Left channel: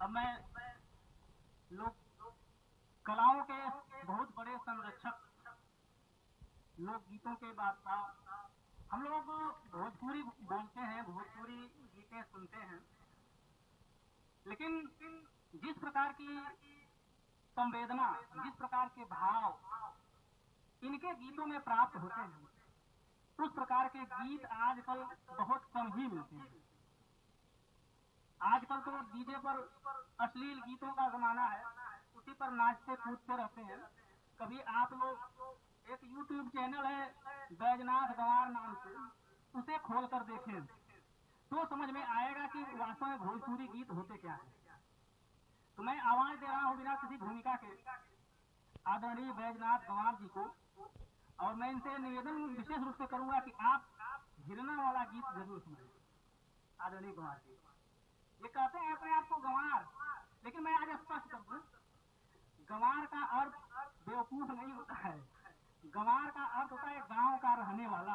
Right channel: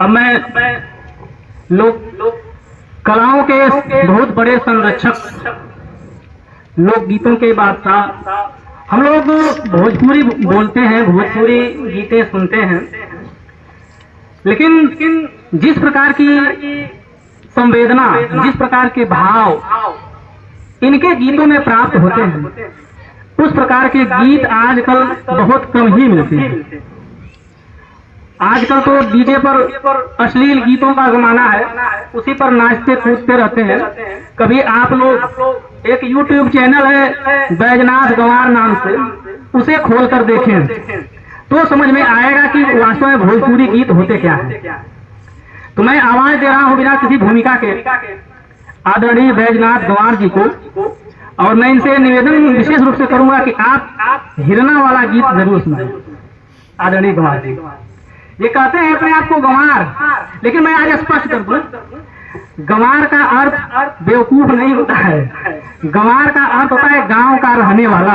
अब मैं लोक कलाओं के बहुत बड़े संरक्षक लोकगीतों के बादशाह हम लोग भोजपुरी बोलते हैं, भोजपुरी गीतें सुनते हैं, लेकिन जिस प्रकार की संवेदना, जिस प्रकार के भाव इनके गीतों में प्राप्त होते हैं, उस प्रकार के गीत आजकल बहुत कम ही मिलते हैं। आजकल तो डीजे पर अश्लील गीतों का जमाना है, उसी पर नाचते कूदते रहते हैं। कभी आप लोग एक YouTube चैनल है बैजनाथ गंवार नाम से, उसे खोल कर देखें तो समझ में आएगा कि वास्तव में भोजपुरी गीत होते क्या हैं। तो मैं आवाज दे रहा हूं बिना किसी भूमिका के आदरणीय बैजनाथ गंवार जी को, और मैं इनसे निवेदन विशेष रूप से करूंगा कि आप हिरना वाला गीत जरूर सुनाएं। आदरणीय गंवार जी ये कहते हैं अपने आप को गंवार, लेकिन मैं आज स्पष्ट कर दूं, गंवार का अर्थ बेवकूफ नहीं होता है। गंवार का अर्थ होता है गांव का रहने वाला।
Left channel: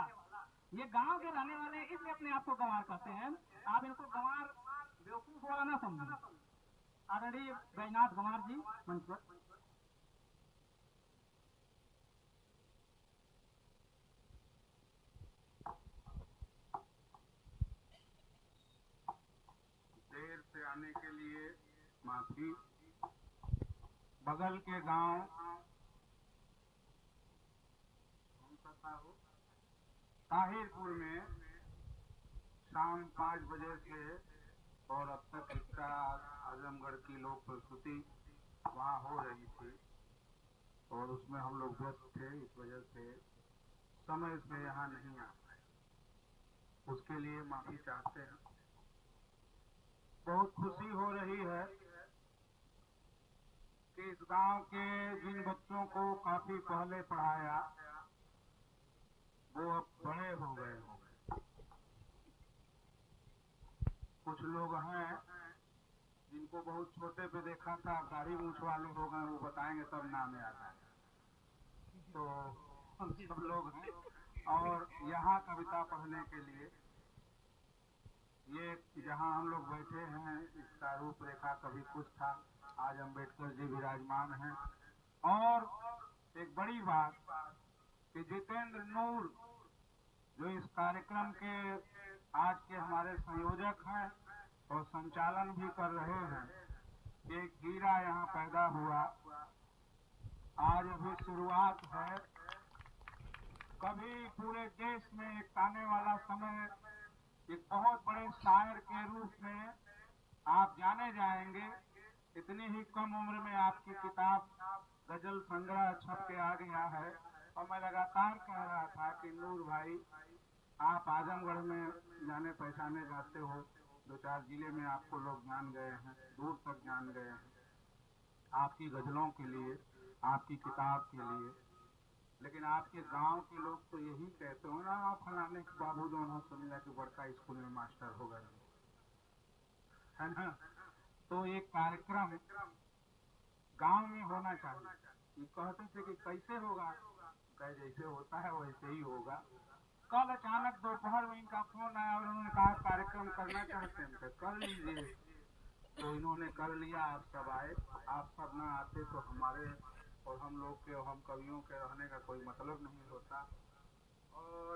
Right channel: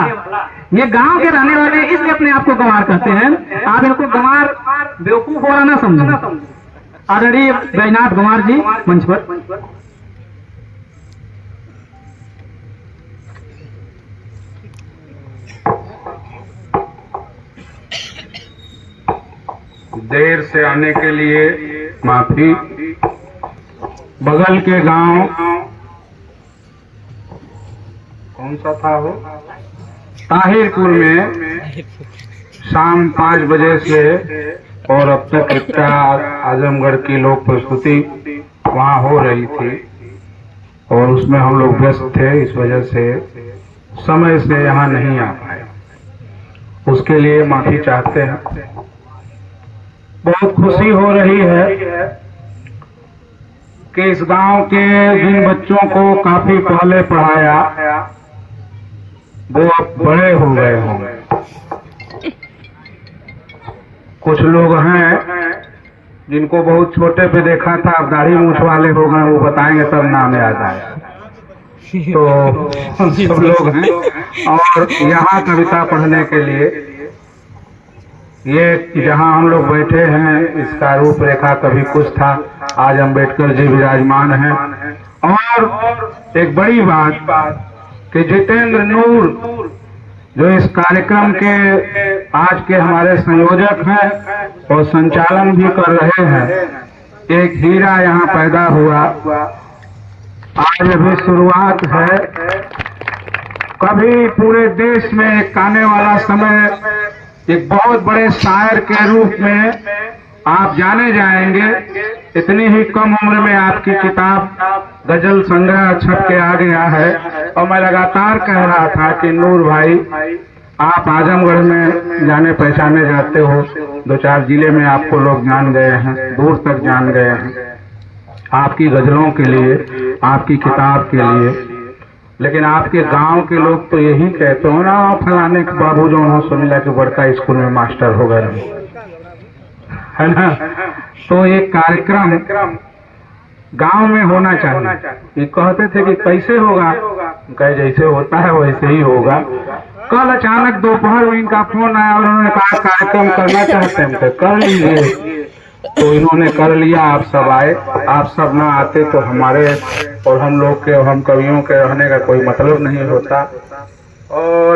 ये गांव के रहने वाले इसलिए अपने आप को गंवार कहते हैं। आप इनको गंवार बेवकूफ वाला ना समझें। आदरणीय बैजनाथ गंवार जी मंच पर। देर से आने के लिए माफी। बगल के गांव कौन सा था वो, ताहिरपुर में शाम 5 बजे से और अब तक एकता आजमगढ़ की लोक प्रस्तुति वहां हो रही थी और उसमें हम लोग व्यस्त थे, इस वजह से समय से यहाँ नहीं आ पाए। उसके लिए माफी चाहते हैं। बहुत खुशी हो रही है कि इस गांव के जिन बच्चों को काफी पहले पढ़ाया वो अब बड़े हो गए होंगे। कुछ लोग हैं जिनको बहुत छोटे पे देखा था, अब दाढ़ी मूछ वाले हो गए, वो बताएंगे तब नाम याद आया। तो सब लोग हैं और यहाँ कविता पढ़ने के लिए ये जहाँ हम लोग बैठे हैं इसका रूपरेखा कभी कुछ था, आज अम्बेडकर जी विराजमान हैं। और एक बड़ी बात कि जितेंद्र नूर जो इस कार्यक्रम के आज के हमारे संयोजक हैं और संचालन भी कर रहे हैं, एक हीरा यहाँ पैदा हुआ। आज अभी शुरुआत है, कभी पूरे देश में एक आने वाला समय एक बहुत बड़े शायर के रूप में आप जाने जाएंगे। इतनी ही कम उम्र में आपकी किताब गजल संग्रह छप के आ गया है और मैं लगातार कह रहा था कि नूर भाई आप आजमगढ़ में जाने पहचाने जाते हो, 2-4 जिले में आपको लोग जान गए हैं, दूर तक जान गए हैं आपकी गजलों के लिए, आपकी किताब के लिए। लेकिन आपके गांव के लोग तो यही कहते हो ना, फलाने के बाबू जो हो सुनीला के बड़का स्कूल में मास्टर हो गए, है ना। तो एक कार्यक्रम गांव में होना चाहिए। ये कहते थे कि कैसे होगा, कहे जैसे होता है वैसे ही होगा। कल अचानक दोपहर में इनका फोन आया और उन्होंने कहा कार्यक्रम करना चाहते हैं, तो कर लीजिए। तो इन्होंने कर लिया, आप सब आए। आप सब ना आते तो हमारे और हम लोग के, हम कवियों के रहने का कोई मतलब नहीं होता। और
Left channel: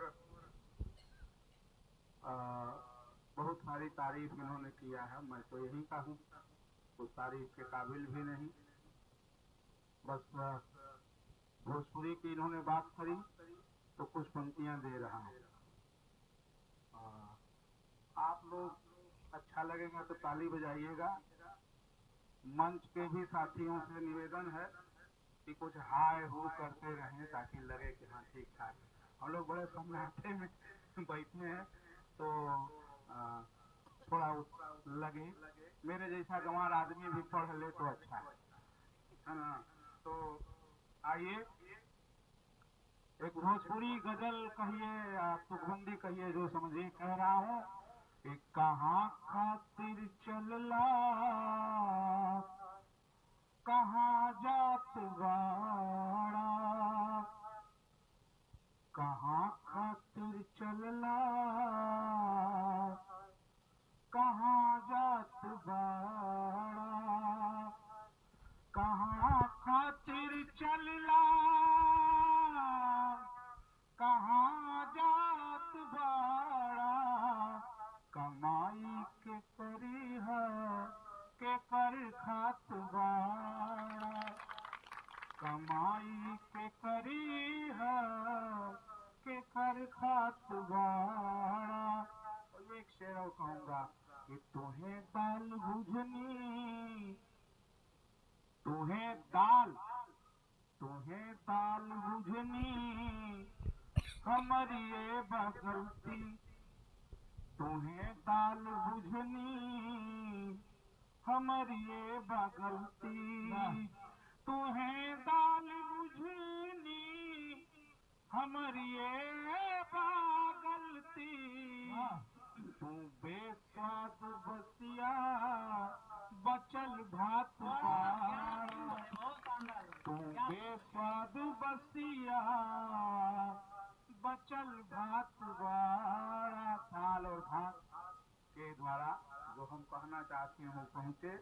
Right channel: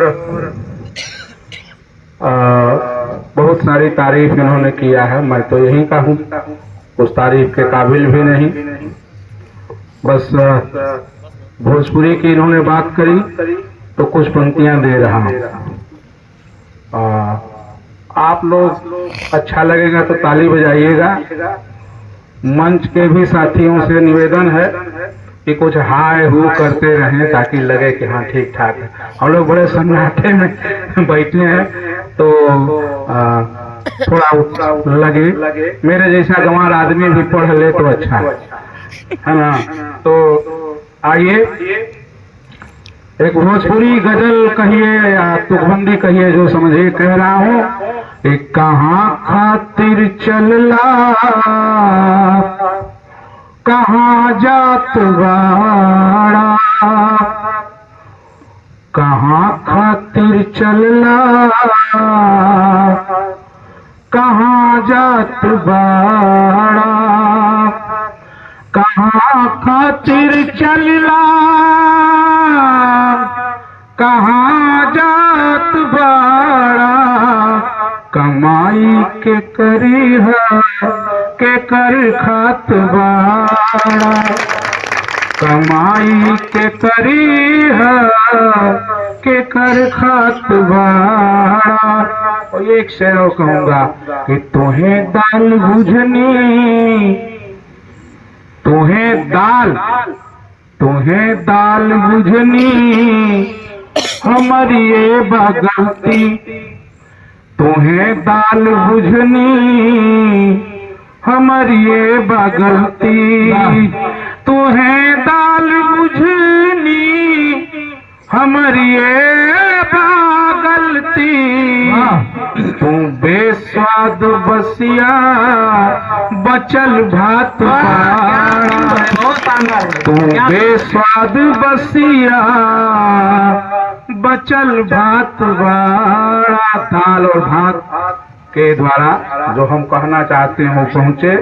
बहुत सारी तारीफ इन्होंने किया है, मैं तो यही कहूँ उस तारीफ के काबिल भी नहीं। बस भोजपुरी की इन्होंने बात करी तो कुछ पंक्तियां दे रहा हूँ। आप लोग अच्छा लगेगा तो ताली बजाइएगा। मंच के भी साथियों से निवेदन है कि कुछ हाय हू करते रहें ताकि लगे कि हाँ ठीक ठाक है। हम लोग बड़े सन्नाटे में बैठे हैं तो थोड़ा लगे, मेरे जैसा गंवार आदमी भी पढ़ ले तो अच्छा है ना। तो आइए एक भोजपुरी गजल कहिए या तुकबंदी कहिए, जो समझिए कह रहा हूँ। एक कहाँ खातिर चलला, कहाँ जात बाड़ा, कहाँ खातिर चलला, कहाँ जात बाड़ा। कहाँ खातिर चलला कहाँ जात बाड़ा कमाई के करी है के कर खात बाड़ा कमाई के करी है के कर खात बाड़ा। और एक शेर और कहूंगा कि तुम्हें दाल बुझनी तुम्हें दाल बुझनी हमारी ये बगलती तुम्हें दाल बुझनी हमारी ये बगलती तुम्हें दाल बुझनी हमारी ये बगलती तू बेस्वाद बसिया बचल भात तू बेस्वाद बसिया बचल भात बाड़ा। दाल और भात के द्वारा जो हम कहना चाहते हैं वो पहुंचे।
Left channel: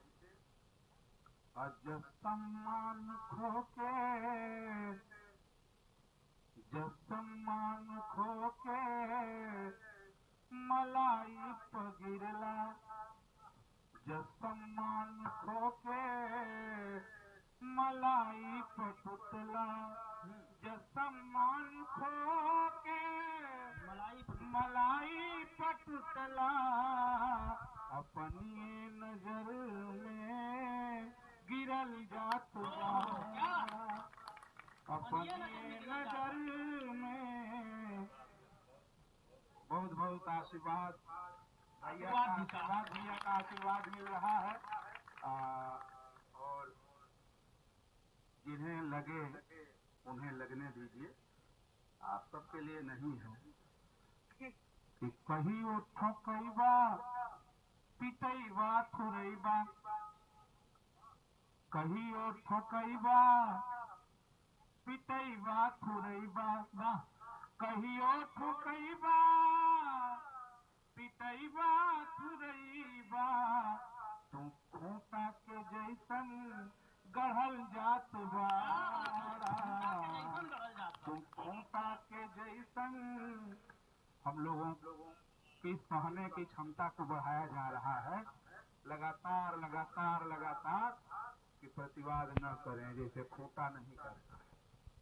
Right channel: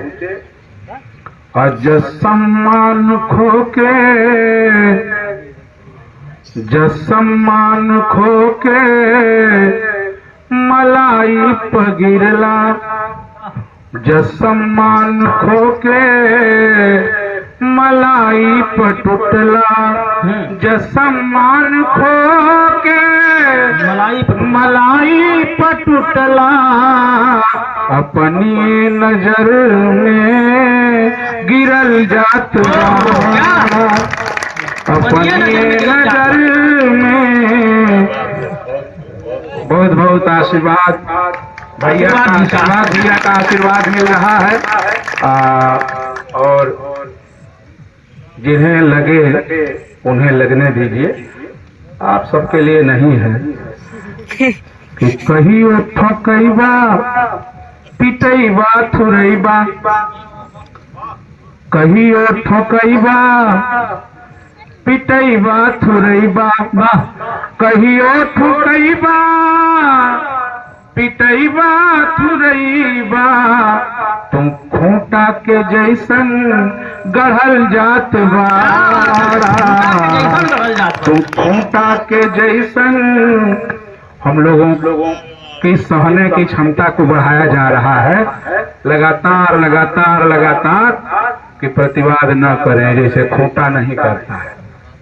अज सम्मान खो के मलाई पगिरला जसम्मान खो के मलाई पटुटला जसम्मान खो के मलाई पटुटला अपनी नजर में गिरल जात अपनी नजर में। बहुत बहुत आशीर्वाद भैया का आशीर्वाद मिल रहा है। और जिन्हें लगे उन्हें लगने दीजिए, आप सबके लिए नहीं है कि कहियो ठकैबा पिटैबा थुरैबा कहियो ठकैबा पिटैबा थुरैबा कहियो ठकैबा पिटैबा थुरैबा तुम खूंटा के जैसन गढ़ल जात बाड़ा तुम खूंटा के जैसन। हम लोगों की सहने की क्षमता को बढ़ाया जा रहा है लगातार लगातार लगातार कि प्रतिवाद न करें, जैसे खूंटा नहीं करता है,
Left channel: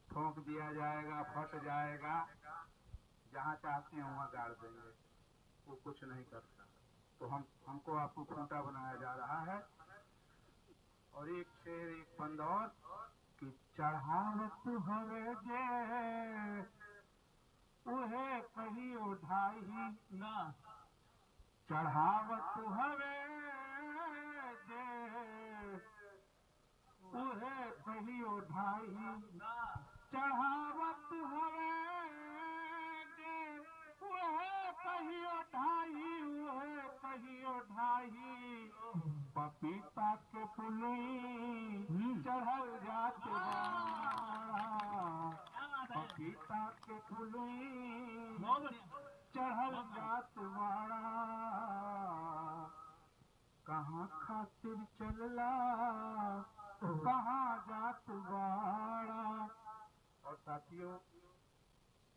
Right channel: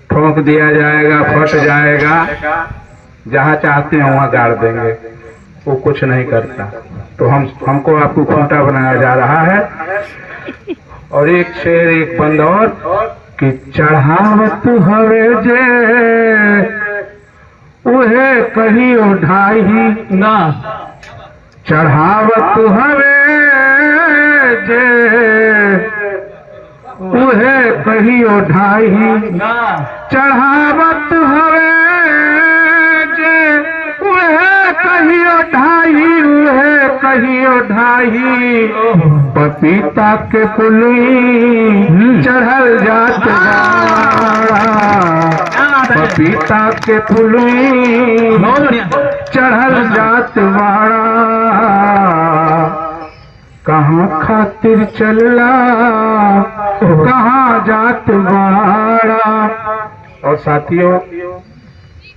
ठोक दिया जाएगा फट जाएगा, जहाँ चाहते हैं वहाँ गाड़ देंगे, वो कुछ नहीं करता। तो हमको आपको खूंटा बनाया जा रहा है। और एक शेर एक बंद और कि चढ़ावत हवे जे उहे कहियो ढाई ना चढ़ावत हवे जे उहे कहियो ढाई चढ़ावत हवे जे उहे कहियो ढाई उहे कहियो ढाई पपीता के पुली चढ़ल जात पपीता के पुली चढ़ल जात बाड़ा कहाँ खातिर चलला कहाँ जात बाड़ा। और साथियों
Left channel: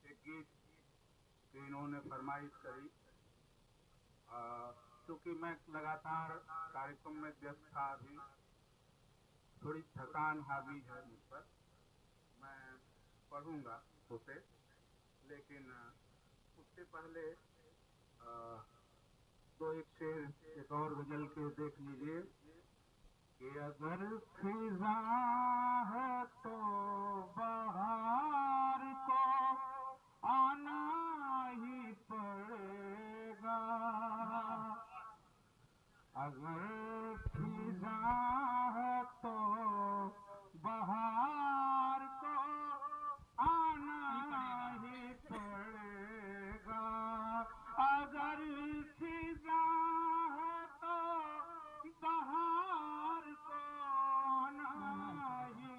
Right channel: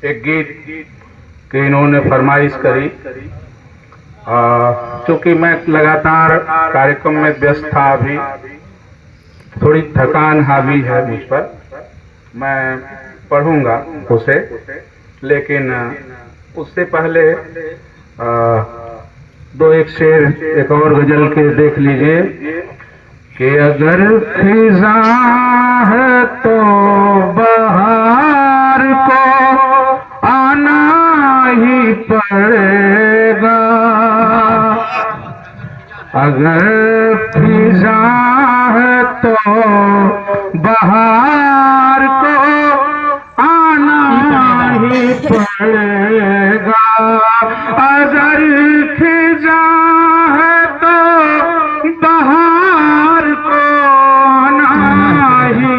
एक गीत के इन्होंने फरमाइश करी, चूंकि मैं लगातार कार्यक्रम में व्यस्त था, अभी थोड़ी थकान हावी है मुझ पर, मैं पढ़ूंगा उसे, लेकिन उससे पहले दो एक शेर एक और गजल के देख लीजिए कि अगर खिज़ा है तो बहार को आना ही पड़ेगा, अगर खिज़ा है तो बहार को आना ही पड़ेगा, अगर खिज़ा है तो बहार को आना ही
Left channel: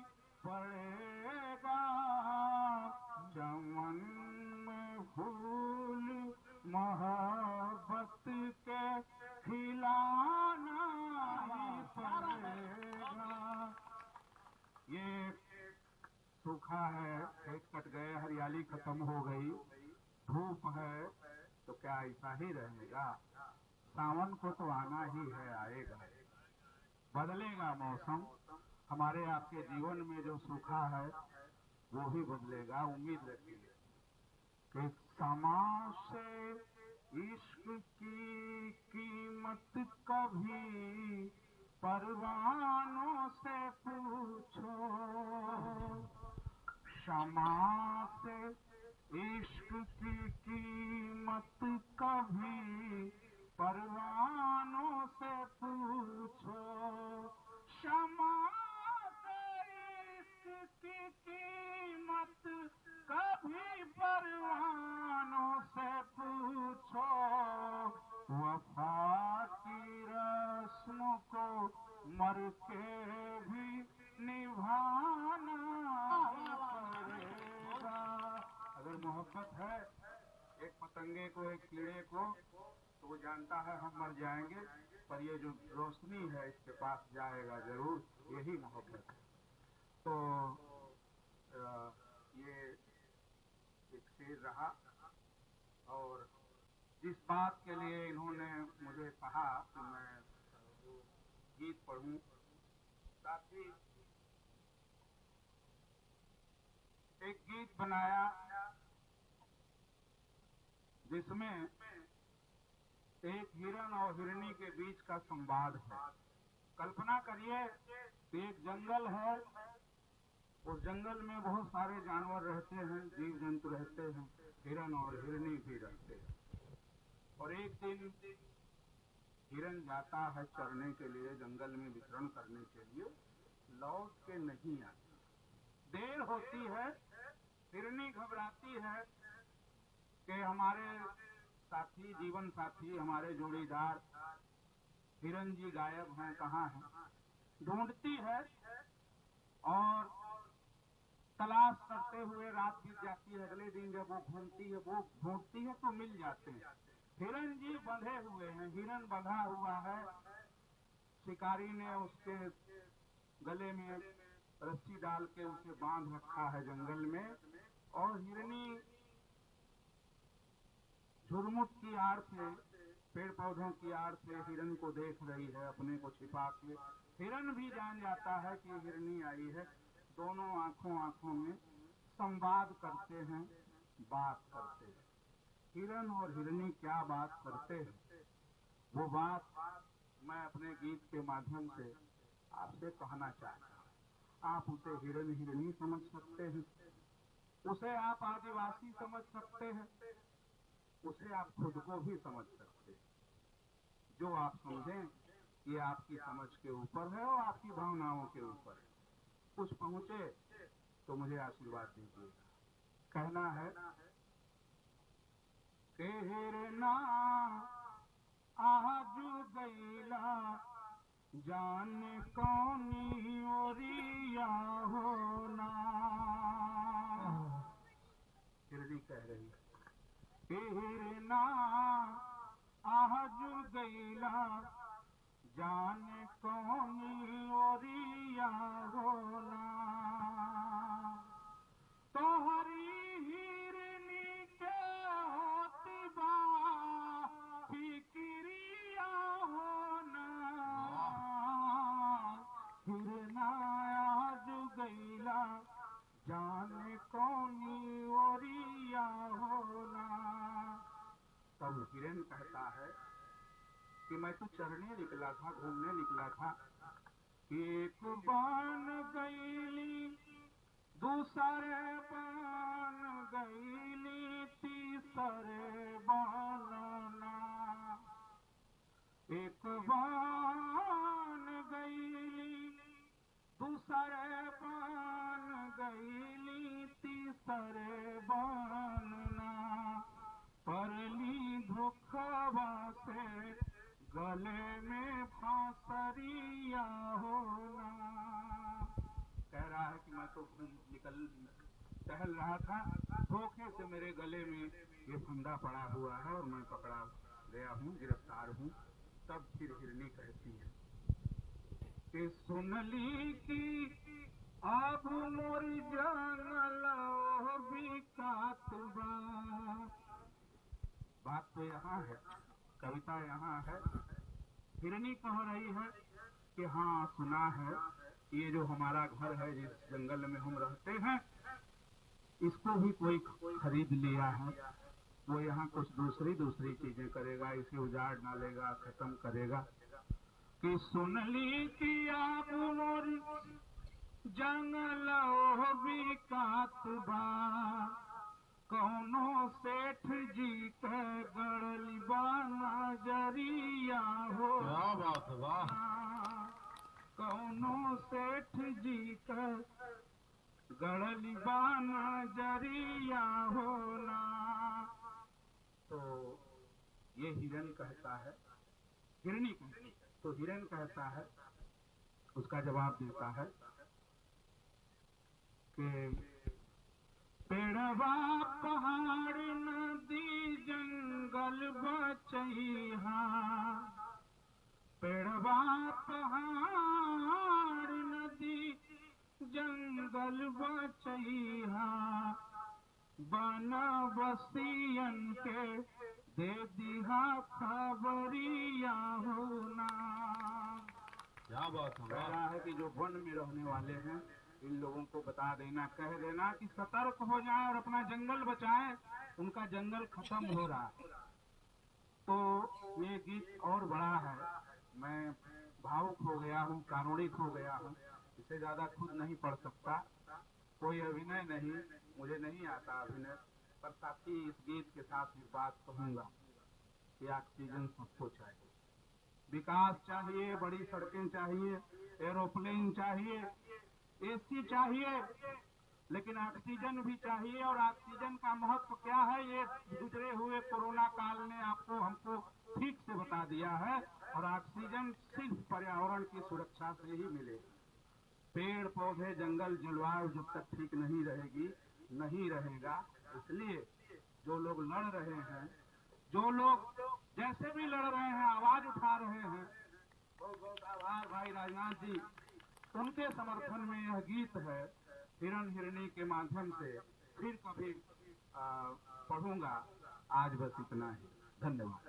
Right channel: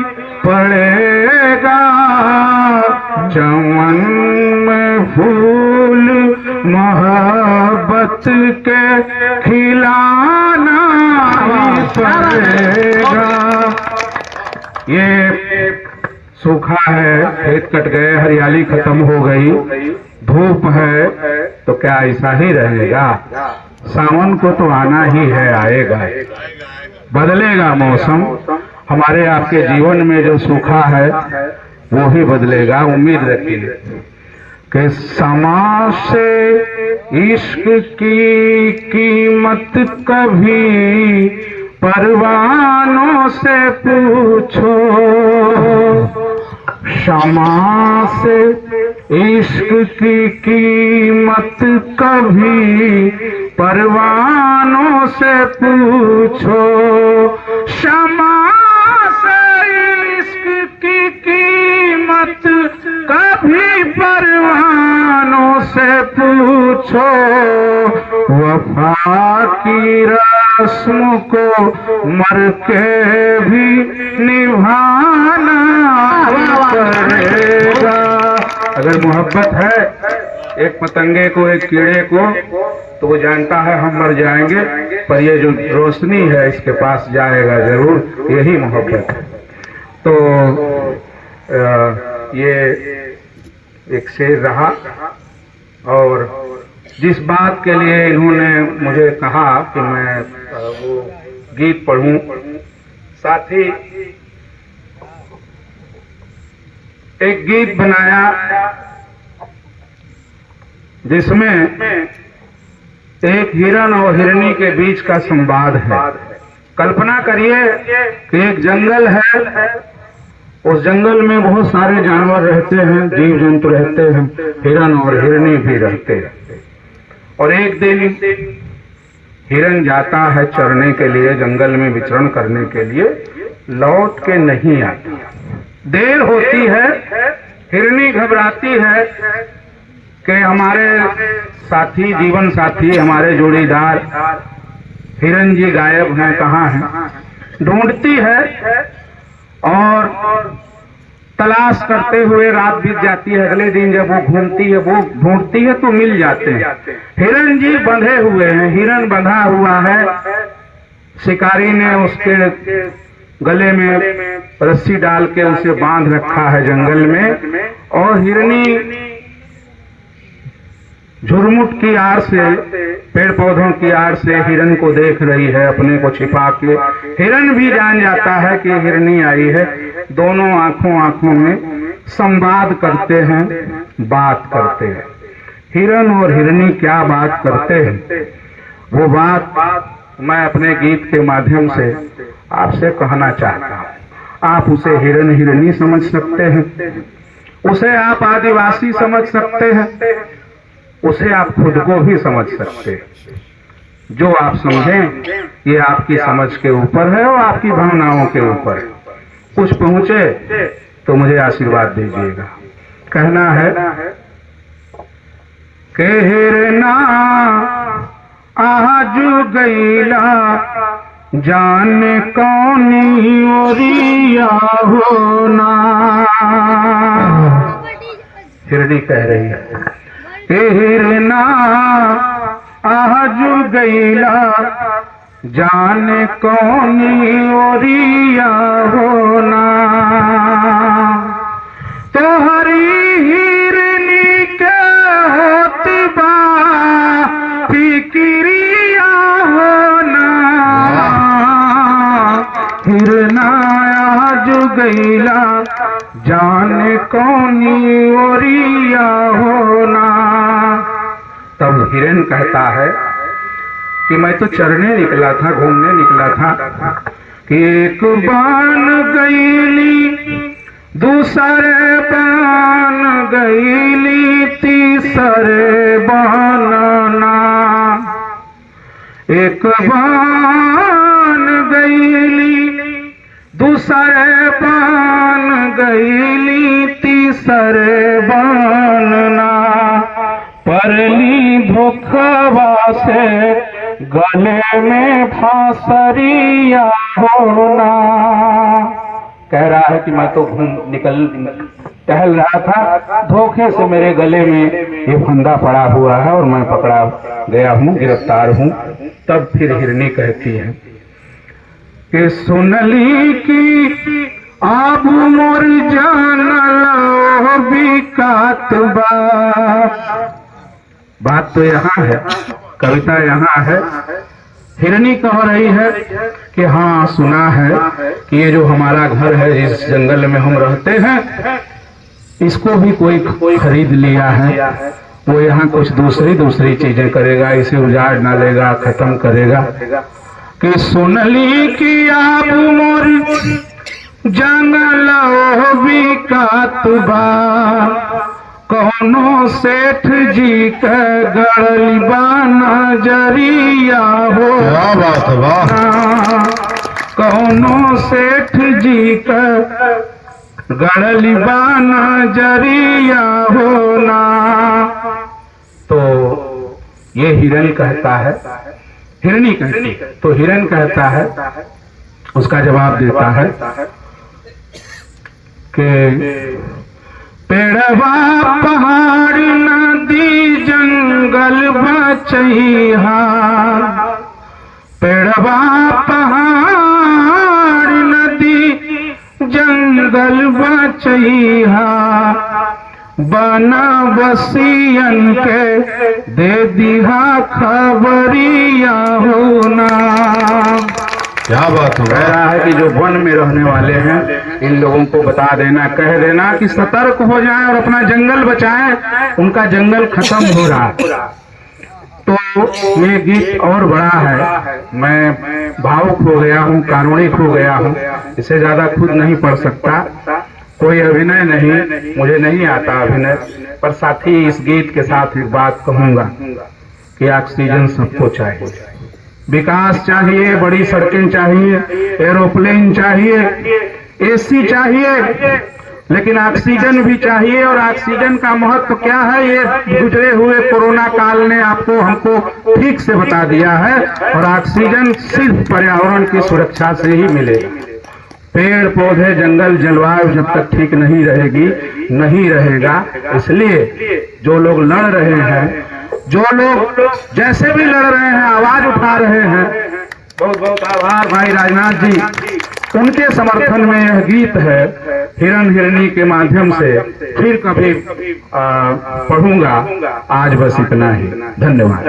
पड़ेगा, चमन में फूल मोहब्बत के खिलाना ही पड़ेगा, ये सूखा है, खेत कट गए, हरियाली खत्म हो गई, धूप है, तो क्या ऐसा ही रहेगा? सावन को तो आना ही है, आएगा, बदलेगा मौसम। हमारे आपके जीवन में जो सूखा है वो ही बदलेगा, उम्मीद रखिए कि समा से इश्क की कीमत कभी परवानों से पूछो, क्षमा से इश्क की कीमत कभी परवानों से पूछो, क्षमा से इश्क की कीमत कभी परवानों से पूछो, वफा की रस्म को मर के भी निभाना पड़ेगा। अगर मोहब्बत है एक पतंगे को, एक कीड़े को, तो वो जानता है हम मर जाएंगे, पर ये जो रोशनी है इसके पास जाएगा जरूर, यही मोहब्बत है। तो ये एक शेर रहा, और जिस बात के लिए इन्होंने मुझे कहा कि मैं वो गीत पढ़ूं, साथ ही एक गीत बनाया जिसमें एक हिरण और हिरनी के बीच का संवाद है। कल्पना करिए कि एक जंगल है, उस जंगल में बहुत सारे जानवर रहते हैं, जीव जंतु रहते हैं, हिरण और हिरनी भी रहते हैं। और एक दिन हिरण जाता है चरने के लिए, जंगल में विचरण करने के लिए, लौट के नहीं आता, देर होती है। हिरनी घबराती है कि हमारे साथी, जीवन साथी, हमारे जोड़ीदार हिरण जी गायब हैं, कहाँ हैं। ढूंढती है और तलाश करते हुए रात बीत जाती है। अगले दिन जब वो घूमती है, वो ढूंढती है तो मिल जाते हैं। हिरण जी बंधे हुए हैं, हिरण बंधा हुआ है, शिकारी ने उसके गले में रस्सी डाल के उसे बांध रखा है जंगल में, और हिरनी झुरमुट की आड़ से, पेड़ पौधों की आड़ से हिरण को देख रही है, अपने को छिपा के। हिरण भी जान जाता है कि हिरनी आई है। दोनों आंखों में संवाद करते हैं, बात करते हैं। हिरण और हिरनी क्या बात करते हैं, वो बात मैं अपने गीत के माध्यम से आपसे कहना चाहता हूँ। आप उसे हिरण हिरनी समझ सकते हैं, उसे आप आदिवासी समझ सकते हैं, उसे आप खुद को भी समझ सकते हैं। जो आप समझें ये आपकी समझ के ऊपर है और आपकी भावनाओं के ऊपर। कुछ पहुंचे तो मुझे आशीर्वाद दीजिएगा। कहना है कि हिरना आजू गईला जाने कौनी ओरिया होना। हिरनी कह रही है, हिरना आजू गईला जाने कौनी ओरिया होना। तोहरी हिरनी के होती बा फिक्रिया होना। हिरना आजू गईला जाने कौनी ओरिया होना। तब हिरन कहता है कि मैं तो चरने निकला था, घूमने निकला था, कि एक बान गईली, दूसरे बान गईली, तीसरे बानना। एक बान गईली, दूसरे बान गईली, तीसरे बानना। परली धोखवा से गले में फांसरिया होना। कह रहा है कि मैं तो टहल रहा था, धोखे से मेरे गले में ये फंदा पड़ा हुआ है और मैं पकड़ा गया हूँ, गिरफ्तार हूँ। तब फिर हिरनी कहती है कि सुनली की अब मोर जानल बिकात बा। बात तो यहाँ है, कविता यहाँ है। हिरनी कह रही है कि हाँ सुना है कि ये जो हमारा घर है, इस जंगल में हम रहते हैं, इसको भी कोई खरीद लिया है। वो यहाँ कुछ दूसरी चीजें करेगा, इसे उजाड़ डालेगा, खत्म करेगा। कि सुनली कि आप मोर जंगल बिकात बा, कौनो सेठ जी के गड़ल बा नजरिया हो। क्या बात है, वाह। कौनो सेठ जी के गड़ल बा नजरिया होना। तो ये हिरण कहता है, हिरनी कहती है, तो हिरण कहता है, उसका जवाब देता है कि पेड़वा पहाड़ नदी जंगल बचैहा, पेड़वा पहाड़ नदी जंगल बचैहा, बनवासियन के दे दिहा खबरिया होना। क्या बात हो कह रहा है कि जो वन में रहने वाले हैं, इन लोगों को बता देना, कह देना कि सतर्क हो जाएं और अपना जंगल बचाएं, उनका जंगल खत्म हो रहा है। तो ये गीत और बड़ा है, मैं भावुक हो गया हूँ, कारुणिक हो गया हूँ, इससे ज्यादा खुद नहीं पढ़ सकता। कोई अभिनय नहीं, मुझे नहीं आता अभिनय, पर साथ ही इस गीत के साथ एक बात कहूंगा कि ऑक्सीजन सबको चाहिए, विकास चाहिए, बड़ी सड़कें चाहिए, एरोप्लेन चाहिए, एसी चाहिए, लेकिन ऑक्सीजन भी चाहिए। और ऑक्सीजन का महत्व क्या है, ये गुजरे हुए कोरोना काल ने आपको हमको ठीक से बता दिया है। और ऑक्सीजन सिर्फ पर्यावरण की सुरक्षा से ही मिलेगा। पेड़ पौधे जंगल जलवायु जब तक ठीक नहीं रहेगी, नहीं रहेगा। इसलिए जो लोग लड़ रहे हैं, जो लोग जैसे भी लड़ रहे हैं, आवाज उठा रहे हैं, बहुत बहुत आभार भाई राजनाथ जी, उनके समर्थन में यह गीत है। हिरण हिरनी के माध्यम से फिर कभी पढ़ूंगा। आज बस इतना ही, धन्यवाद।